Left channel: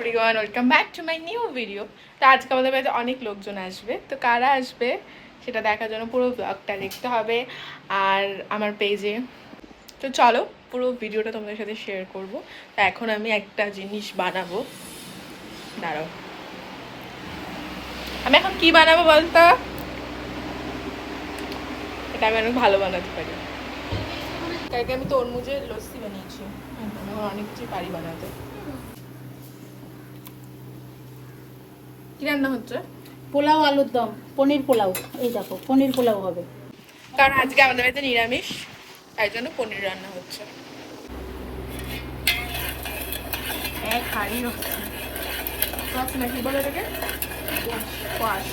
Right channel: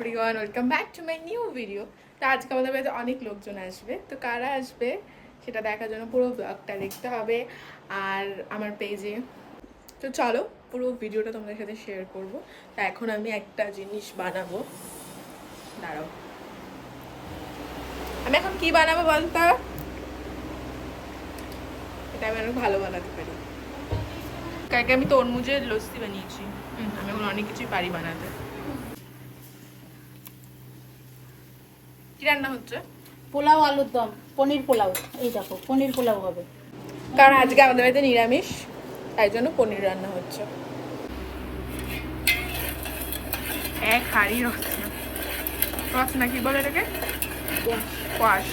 Everyone, welcome back to my new video. তো আজকে আমাদের বাড়িতে অনেক লোকজন আসবে, তো কারা আসবে সেটা দেখার জন্য পুরো ব্লগটা দেখতে হবে আর আমার পেজে। তো চলো পুরো ভিডিওটা তোমাদের সাথে শেয়ার করব। তো এখন আমি একটা জিনিস বানাবো, দাঁড়াও। আমি এখন কি বানাবো বলতো? এটা আমি অনেক ভালো বানাতে পারি, কালকে আমি তরমুজের লস্যি বানিয়েছি। আমি এখন অনেক কিছুই পারি বানাতে। কি রান্না হচ্ছে? পোলাও, আলুর দম, পনির পোলাও। এই দেখো, পনির পোলাও হবে। কারণ আজকে আমাদের বাড়িতে নিরামিষ, তাই জন্য পনির রান্না হচ্ছে। এক হাড়ি রস না, কি বলে এটাকে? কোয়াশ।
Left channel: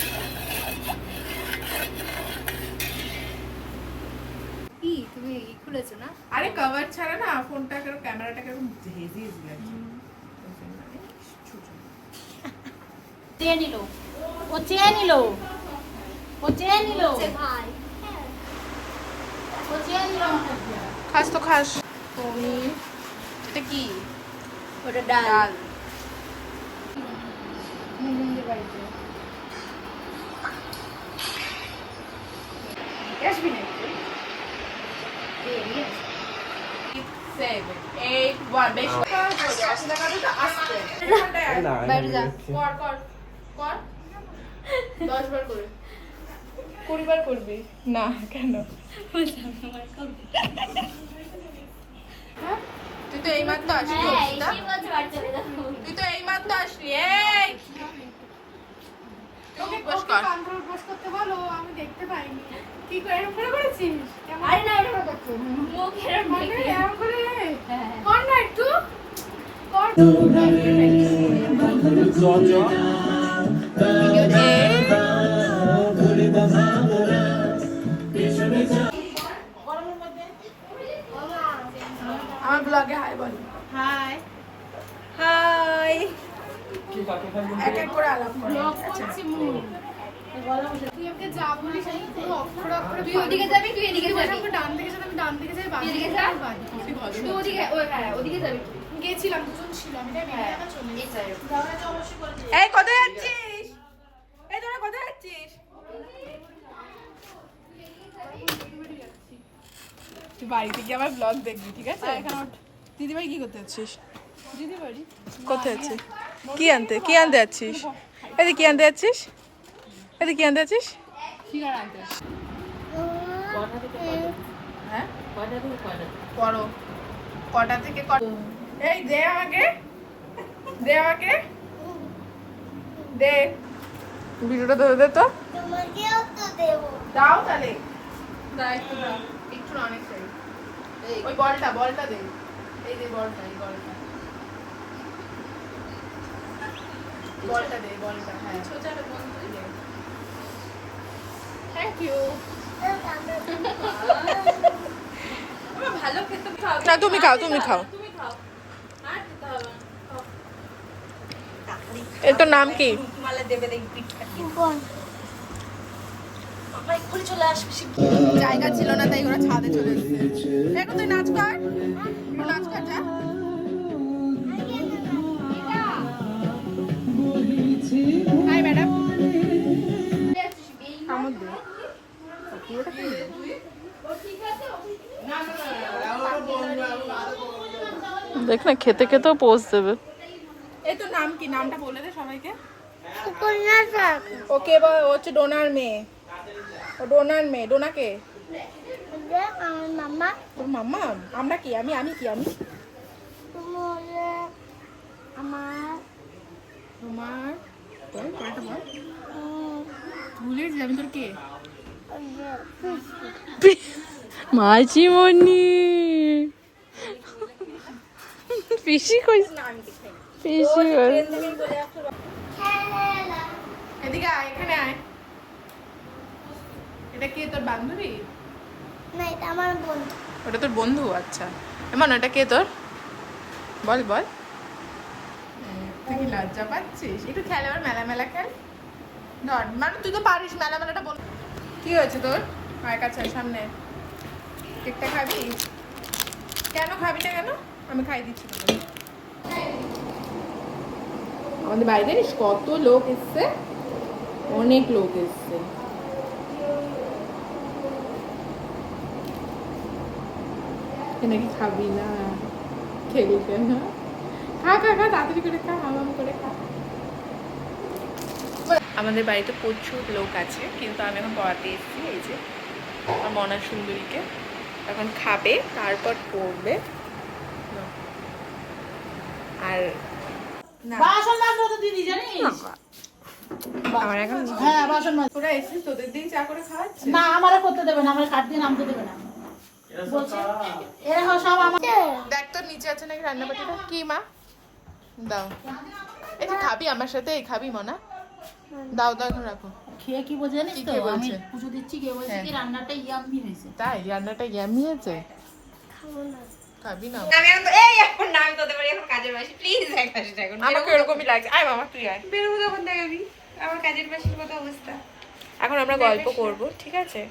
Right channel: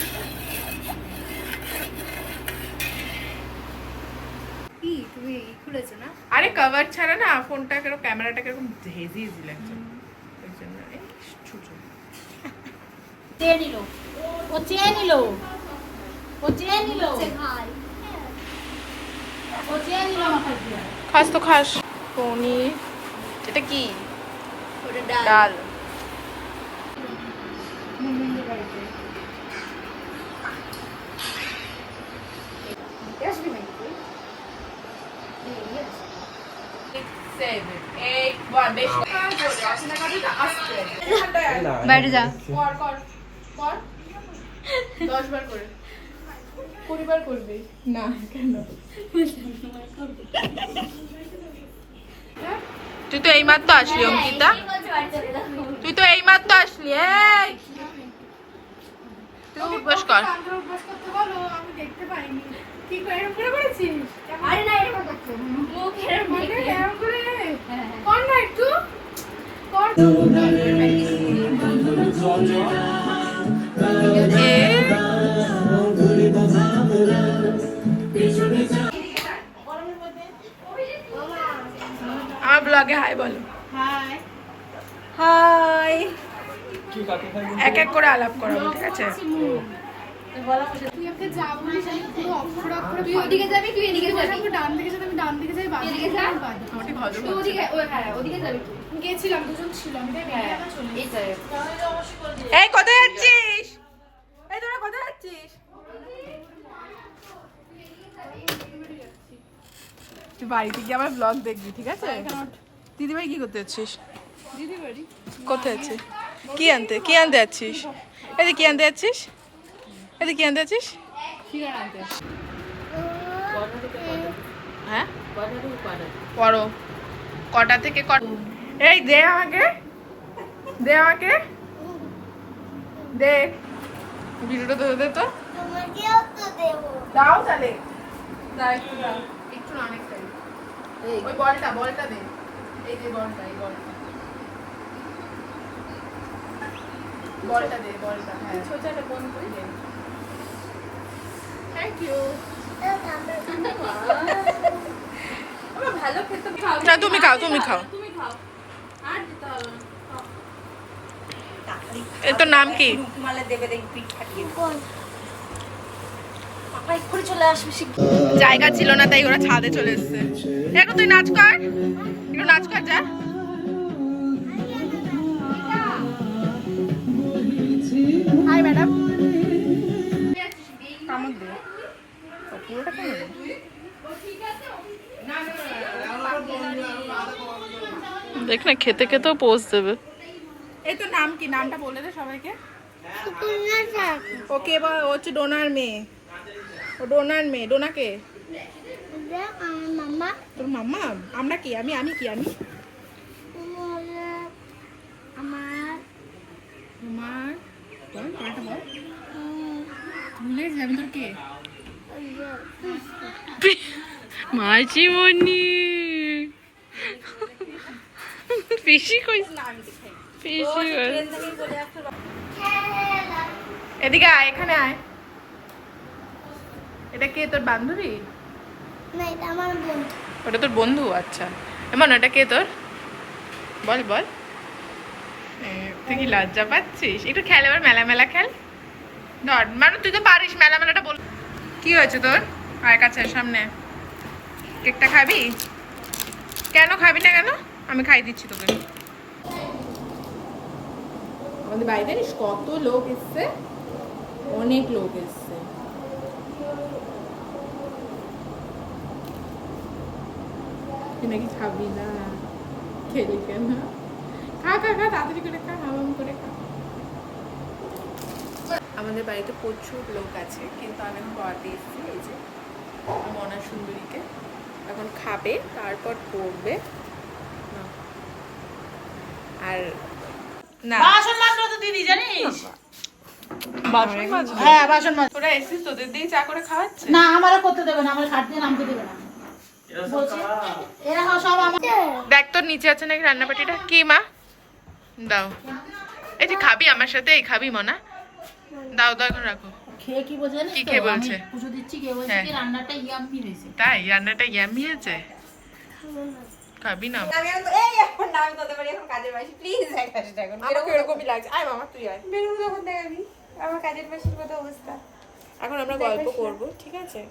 কি তুমি খুলেছো না? আরে কভার ছাড়া না ফোনটা কেরকম, ক্যামেরাটা কেরকম হেজি হেজি লাগছে। চেয়ে নিল, ও চেয়ে নিল, ও চেয়ে নিল, ও চেয়ে নিল। খাস তো খাস। পনির, এটা কি? ওটা ডাল। বাইরে যা। কর কর কর 10 বার করে। 20 বার করবি না কেন? তুই তো এইমাত্র আসলি অঙ্কিতা, তুই তো এইমাত্র আসলি। এই তুই উপোস কর। উপোস করতে বলো, আমি দেখতে পাইনি। কি করে এরকম করে করেছিস? আরে না, এরকম করতে মুখ এরকম মানে দেখে। এরকম করে হ্যাঁ। কর না একটু, কর। আমার ব্লগে হাই বলো। হাই। হাই। এক এক করে আলাপ করো, ঠিক আছে? তুই আমাকে যা বলিস আমি পুরো অক্ষরে অক্ষরে তুই ওদিকে যাবি, তুই এদিকে যাবি। আমাকে ডান দিকে যাবে, আমি ডান দিকে যাই, বাঁ এদিকে দিকে যা। যাই, বাঁ দিকে যাই। তুই ওদিকে, ওই হ্যাঁ, ওদিকে যাবি। গেছিলাম, দুজন ছিলাম, হ্যাঁ, এই যাই। এই কোথায় যাচ্ছিস? এই তোরা কোথায় যাচ্ছিস? তুই বাড়িতে গিয়ে আমার ব্লগ দেখবি, ঠিক আছে? দিদিভাই কি করতে যাচ্ছিস? দিদিবাড়ি কোথায় যাচ্ছিস? কি আনতে যাচ্ছিস? এদিকে কি আনতে যাচ্ছিস? এদিকে কি আনতে যাচ্ছিস? ফিগার আনতে। হ্যাঁ পড়ো। কটা থেকে এই দে আমাকে, দে আমাকে, দে। ভিডিওটা ধরে দে তো। দাও তাহলে। না একটু দাও, একটু না, অনেক চাই। ওই বলটা দে। এই যে বলটা, এই বলটা দে, বলটা। হ্যাঁ থ্যাংক ইউ। না তুমি খাও। এর তোর নাম কি? জায়গা ছিল না তাই ওরা ছাদে চলে এসেছে। এখন তুই নাচ কর, একটু নাচ কর যা। High madam. কামড় দে, পুরোটা কামড় দে। দেখ না, খেতে খেতেও পোজ দেবে। এই তো নাম কি? নামটা বলে দে সবাইকে। ওকে, ও হচ্ছে ডোনার মেয়ে। ও ডোনার মেয়ে। ডোনাকে মামা তোর মাম্মা। আমরা কি? আমি কি? আমি আমার তোমার বল, পরেরটা বল। ভুলে গেছি আমি তোর কে? মাঝিমণি পিসি কইস না, পিসি এদিকে আয়, এখানে আয়। এটা কে, তোর বান্ধবী? না, এটা আমার বোন। ওটা তোর বন্ধু? আচ্ছা। এমন এটা কে তোর? বল বল। তুই কি লজ্জা পাচ্ছিস? একটু খেল, এবার মেলা খেল। ধর, মানে তুই তো পারিস মেলাটা বল। কি হয়েছে তোর? আয় কাছে সামনে। কেকটা খাবি? কেন খাবি না? কেন? আমি খাই দিচ্ছি তোকে। আমাদের বাড়িতে জানিস কত লোক এসছে, অনেক লোক এসছে। নাকি খাবি না? খেলি কেন? খা খা খা, তাড়াতাড়ি করে খা, হামাম করে খা। আমাদের বাড়িতে প্রচুর লোক আছে, কিন্তু আমি এখন পড়াতে এসেছি। এই যে আমার মনা সুন্দরীকে এখন খাবে, তারপর পড়বে। আর না বাসন মাজলো তো দিদি জানিস? বাসন হ্যাঁ বাসন মাজ। তোরা এসেছিস, তোদের দিয়ে চা করে খাওয়াচ্ছে? না আমারে করতে দেবে না, আমারে খাট দিয়ে নামতে দেবে না বলছে। এরা সব আমাকে দেখ তোর নিচে আছে নাকি রান্নাবাটিটা। কি মা? দাও। এই যে খাবি আমার সাথে, এই খাবি মনা? দাও দাও, এখন রাখো। খেয়ে কি বলছে জানিস কি তো? খেয়ে আমি বলছে? পুজো দিচ্ছি, কে বলছে হ্যাঁ। কি রান্নাটা ইয়াম্মি হয়েছে। তাই রান্নাটা ইয়ামি আছে? খাবি না? আমি এখন তো এই এখন না, আমি তোদের বাড়ি এখন কাজের মাসি, প্লিজ এক হাসি এখন আমাকে এরকমই লাগছে। আয় মামা তুই আয়। বেরোবো তখন দেখাবি আমার কাজের মাসির মতো অবস্থা। এখন আমরা গল্প করব, ঠিক আছে?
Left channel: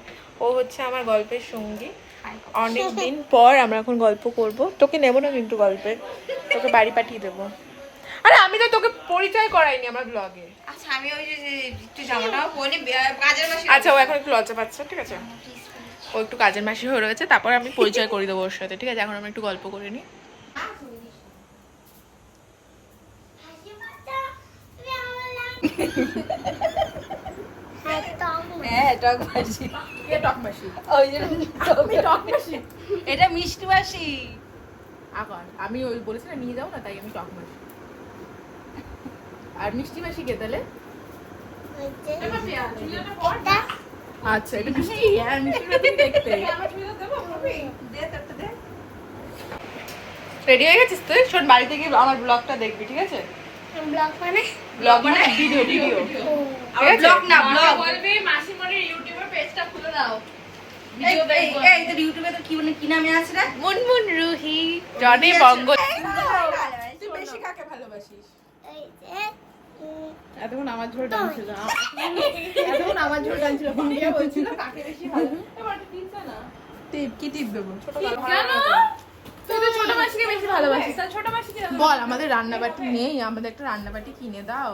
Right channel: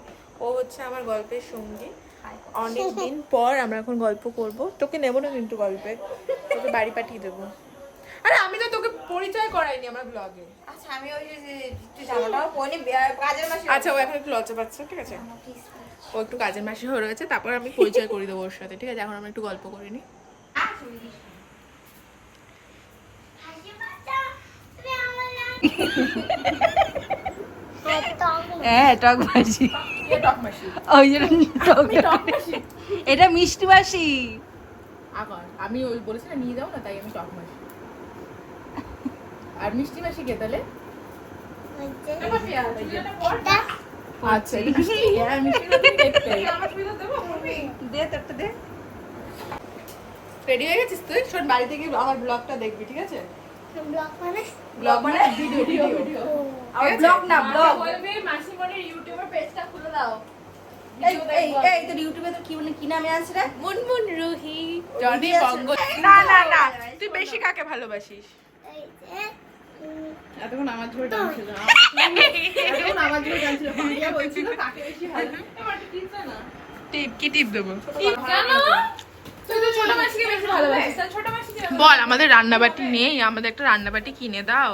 ও হচ্ছে আমার গল্পের সঙ্গী। অনেকদিন পর আমরা এখন গল্প করব। তোকে নেব না কিন্তু গল্পে, তোকে বাড়ি পাঠিয়ে দেবো। আরে আমি তো তোকে পরিচয় করাইনি আমার ব্লগে। আচ্ছা আমি ওই যে একটু জামাটাও পরে কাজের মাসি। আচ্ছা ও এখন একটু লজ্জা পাচ্ছে, ঠিক আছে? ও একটু কাজের মাসি হয়ে রয়েছে, তারপর আমি পরিচয় করে দেবো ওর সাথে, ঠিক আছে? এখন আমরা একটু গল্প করে নিই। হ্যাঁ টক মাসি, ওই যে টক মাসি, এটা মিষ্টি মাসি। এখন আমি ওই বলেছি না নিয়ে যাও না, তাই আমি টক মাসি। আর মিষ্টি মাসি কে তাহলে? আচ্ছা এটা মিষ্টি, হ্যাঁ মিষ্টি মাসি দেখতে। দে তোরটা দে। রেডি হয়ে গেছিস তুই? শোন, বাড়িতে গিয়ে আমার ব্লগটা দেখবি, ঠিক আছে? ব্লগ মানে ভিডিও, ভিডিও, ঠিক আছে? ব্লগ না ব্লগ। বলবি মাসিমণির ইউটিউবের পেজটা খুলে দাও। এই তোর ইউটিউবে তো কি নামে আছে রে? মুনমুন রুহি জনি বঙ্গ। না না না, তুই বেশি কাকে ভালোবাসিস? এতক্ষণ আমার ঝোল টানছিল, এতক্ষণ আমার ঝোল টানছিল। ভাইয়া বলছিল কাকে বেশি ভালো। এবার টিপ দাও না। টিপ কি টিপ দেবো? কেন? তুই তো ছোট মাসিকে বেশি ভালোবাসিস, তাই ছোট মাসিকে বল। আমাদের রান্নাবাটি নেই, আমাদের একটা রান্নাবাটি কিনে দাও।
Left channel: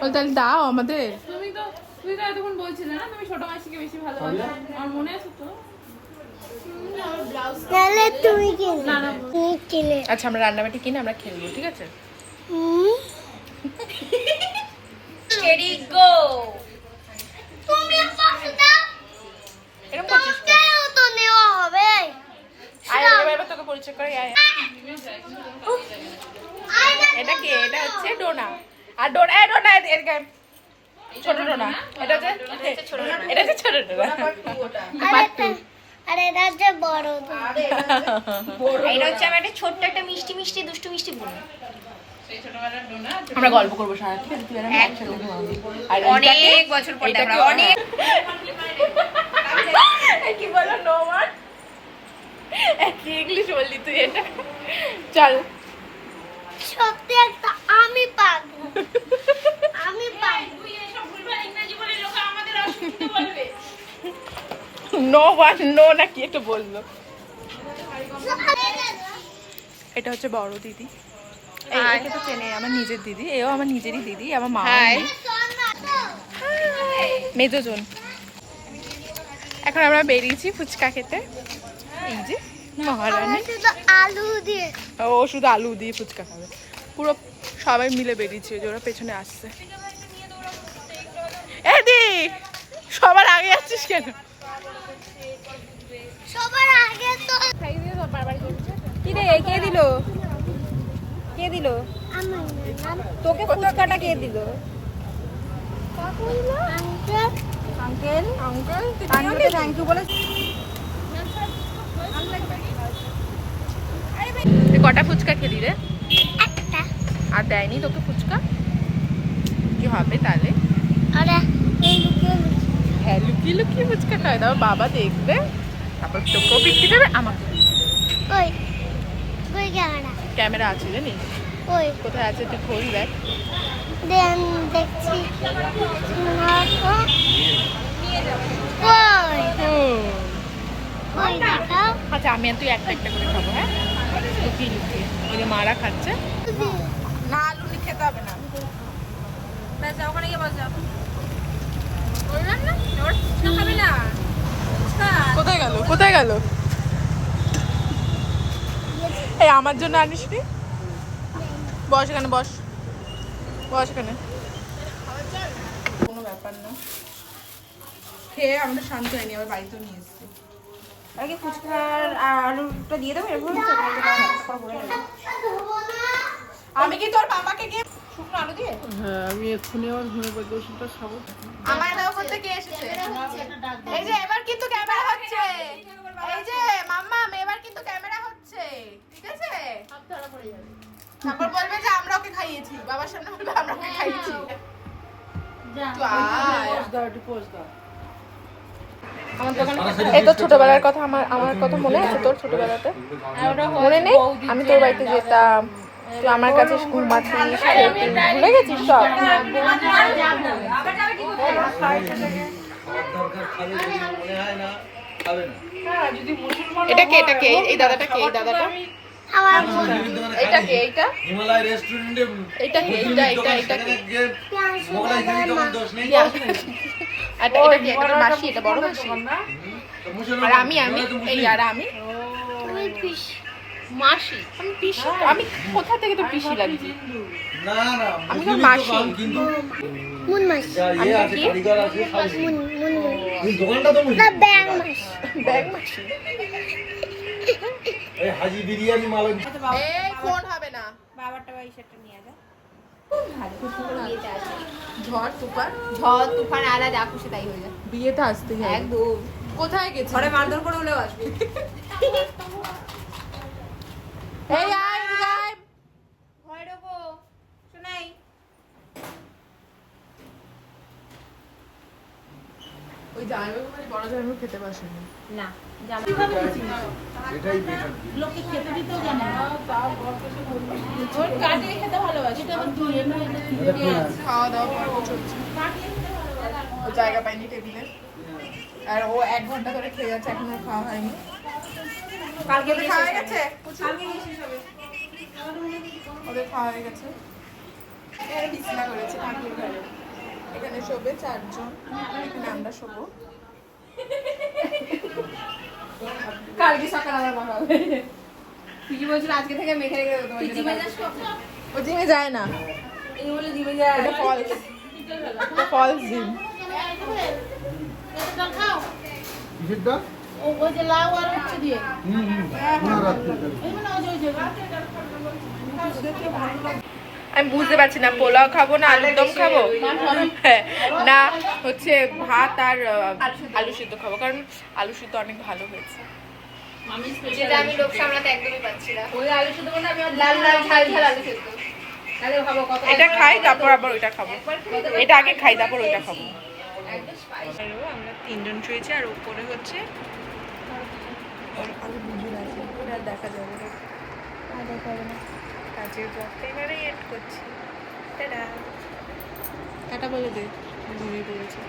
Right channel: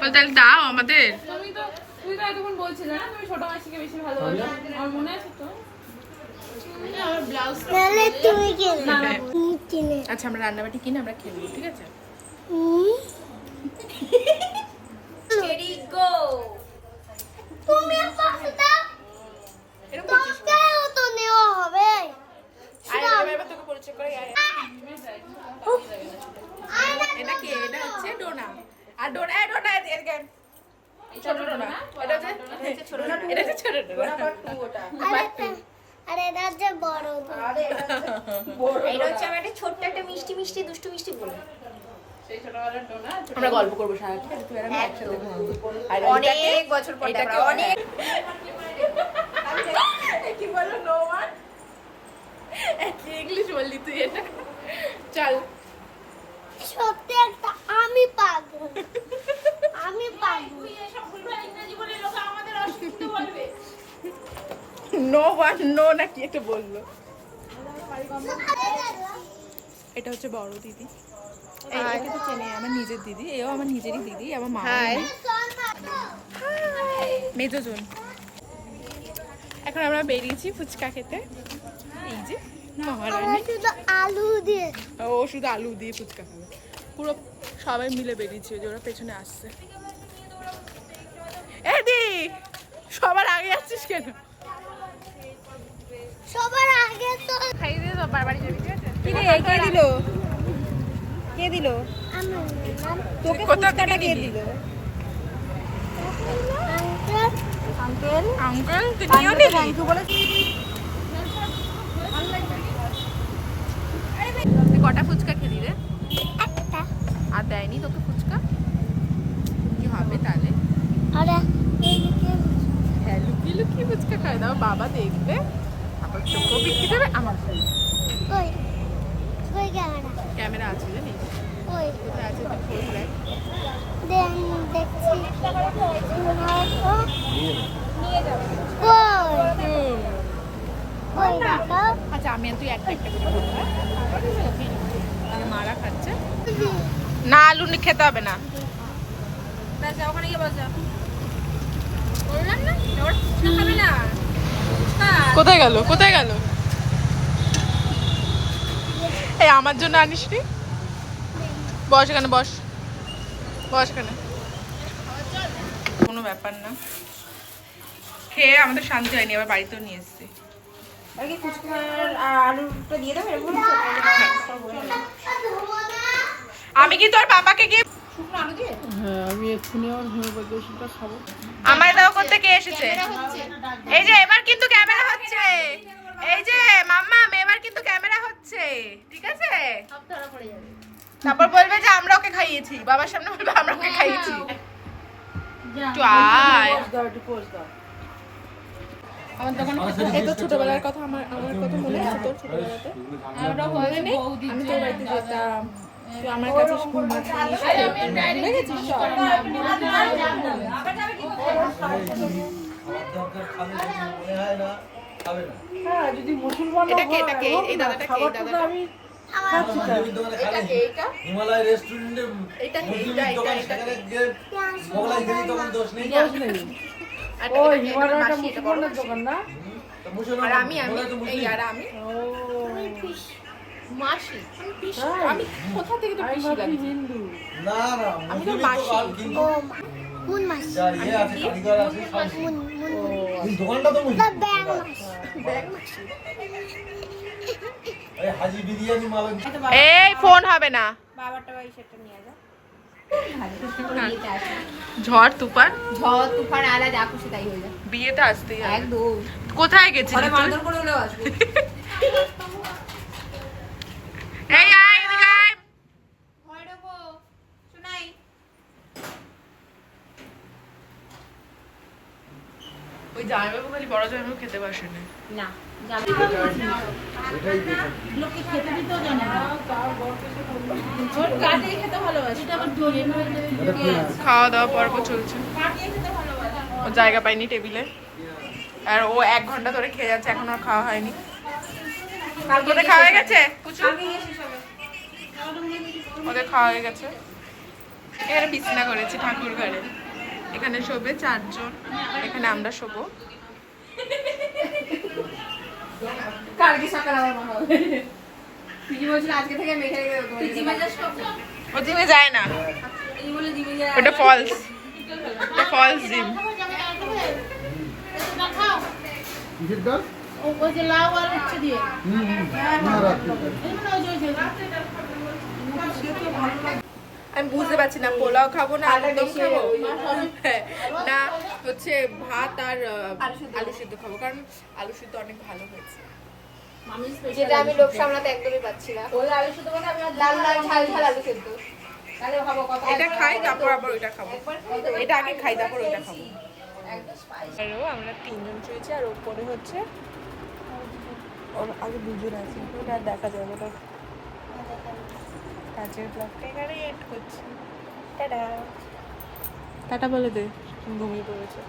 বল তাহলে দাও আমাদের। তুই তো এতক্ষণ বলছিলে না তুমি ছোট মাসিকে বেশি ভালোবাসো, আমার মনে আছে তো। আচ্ছা আমরা রান্নাবাটি কিনে আমরা খেলবো, ঠিক আছে? Ready go. এরকম করছিস কেন? আয় এবার তোকে পরিচয় করে আয়। এটা কি? এটা হচ্ছে ডোনা। আর ডোনা, এই ডোনা এদিকে আয়। ছোট ডোনা। এটা হচ্ছে ছোট ডোনা। এটা হচ্ছে ছোট ডোনা। আরে এটা হচ্ছে বড়। এটা হচ্ছে আমার একটা ছোট্ট একটা মিষ্টি মিষ্টি দুষ্টু মিষ্টি বোন। আমরা গল্প করবো সারা, ঠিক আছে? তুই আর আমি একসাথে ঘুমাবো। আর অনেক বছর পর আমরা অনেক কি বলো নো ওয়ান? কি ইংলিশ বললি তুই এটা? চল সত্যি একটা আমি পাগল। আমি পাগল। নো ওয়ান নো নাকি একটু বললো। এটা হচ্ছে বড় দিদি, একে তো চেনে, আমার নিজের দিদি। এও আমার নিজেরই দিদি, আমার মা মেজোজন। এখন আমরা বেরিয়েছি ফুচকা খেতে। এই যে মহারানী, শুধু আলু দিয়ে। ও শুধু আলু দিয়ে ফুচকা খাবে। পুরো সবাই মিলে বেরিয়েছি, ওই যে ওরা পেছনে আসছে। এদি সবার আগে আসছিস কেন? সবার আগে তো কি রে কে দিল? কে দিল? আমার নাম তোকে ফুচকাটা কে দিল? Uncle. Uncle uncle uncle thank you বলে। তুই কটা ফুচকা খেলি রে? একটা। আর দেয়নি তোকে ফুচকা? কি হবে তাহলে? আরে এই লুকিয়ে হ্যাঁ লুকিয়ে লুকিয়ে ফুচকা খাওয়া দাও, বাবা দেখবে, তারপর তোকেও বিক্রি দেবে, আমাকে। ওই ওই ক্যামেরা। ক্যামেরা আছে জানিস? ওই কোথায় আছে তুই খোঁজ দেখ। দেন দেখছি। না তো কই কই দেখো। আচ্ছা আমি আর তুই একটা একটা করে খাবো, হ্যাঁ? লুকিয়ে লুকিয়ে ওই যে মারা খাচ্ছে। না আলু খেতে হবে না। আচ্ছা ওখানে গিয়ে বসা বললাম না ওর ফুচকা খাবে না। কোথায় গেল কোথায় গেল? এই আমার জন্য আনিসনি? বস এখানে, বস বস এখানে। কোনো ব্যাপার না, খেয়ে আমাদের শান্তি হয়নি, আবার বাড়িতেও নিয়ে এসছি। আগে ফুচকার আলুটা দিয়ে দেবো এরকম। আমি কি তোর বাবাকে গিয়ে শুকনো আলু দিয়ে হ্যাঁ আমি এক্ষুনি আমার হোমিওপ্যাথি ওষুধটা খাবো। আমার দাও করতে কে এসেছে? এই যে এবার কিন্তু ক্যামেরা হচ্ছে, এই যে মাম্মা এবার কিন্তু ক্যামেরা হচ্ছে, ঠিক আছে? তারপর বলবে যে আমরা ওকে খাইয়েছি, বাবার সামনে বলবে আমরা ওকে খাইয়েছি। একটু আয়। এই তো ছোটবেলার কথা, আমার কথা মনে আছে তোর? ছোটবেলাতে মনে নেই? আমি তোর বাড়িতে যেতাম, তুই আমার কাছে ঘুমাতিস, খেতিস, ভুলে গেছিস সব? এটা কে? এটা কে? এই দাদাটা কে? এই দাদাটা এটা কে? এইটা হিমালয় রেস্টুরেন্টে এটা কে? এটা কে? মোগলাই খেলি তখন দোষ নেই। আর এটা কে? এটা মাসি, এটা বড় মাসি। আর আমি এই আর আমি মাসি। আমি পিসি, আমি কোথা থেকে তো পিসি লাগছি? না না আমি তোর মাসি। মুন মাছ আমি তো কি? মুন মুন দোকানটা তো না ব্যাং মাছ ব্যাগ মাসি। এই হাজি বিরিয়ানি মালন। এই ফোন হবে না। বাবারটা ওই সেটটা নিয়ে যা। ঝড় তুফান, ঝড় তুফান আলা যা খুশি তাই হয়ে যায় বিয়েতে আসতেই হবে। একদম। কোথায় গেছিস? ঘরে মারধর করে হলেও আসবে। এই আয় এদিকে আয়। ঘরে ঢোকো শোনাই। ওই জামাইবাবু খালি বড় জামাইবাবু খেতে পারছেন না এটাই বেটার। লোককে খেতে দিতেও জানে না। ওর কাটিয়ে খেতে ভালোবাসে। এটা আবার দিয়ে খাওয়া দাওয়া পর্ব চলছে, ও জায়গা পায়নি টেবিলে, আর ও 1 ঘন্টা ধরে খেয়ে যাচ্ছে, এখন ওর খাওয়া হয়নি। ওদের খাওয়া হয়ে গেছে? ওদের খাওয়া হয়ে গেছে। এখানে বিছানা করেছে ঠাকুর ঘরে, এখানে শোবে 4 জন, এখানে আমরা শোবো। কালকে সকালে আবার বানাবে। কি বলছিল আজকে থেকে মেখে রেখে দেবো তোমার জন্য। ও জিমে যায় না, এই বলে দিবে যায়। ওটা ফলস, ওটা ফলস জিম। খাও কিসের ডাল? ওই যে লাউ আর উচ্ছে দিয়ে। না রাখতে পারি। আমি বুঝতে পারছি না পোলাও খাবো না আলুর দম খাবো, হ্যাঁ, না হচ্ছে ভাত আর আলু সিদ্ধ খাবো, কারণ আলু সিদ্ধ অনেক ভালো হয়েছে। যেটা আমি লোক সামলাতে একদমই পাচ্ছি না। ওই আলু শুধু বলতে আমি লাল লাল ঝাল ঝাল আলু সেদ্ধ। তাহলে ভাবো কত এটা খাই তারপর আবার ওইটা খাবো, এটা আগে খাই তারপর ওইটা খাবো। আরো আমরা 3 জন শুয়েছি, আর উপরে হচ্ছে ওর আরো 2 জন আছে, ওটা দেখা যাবে না। কাজের ব্লগটা এখানেই এন্ড করছি। টাটা টাটা বলে দে, ঘুমিয়ে পড়েছে।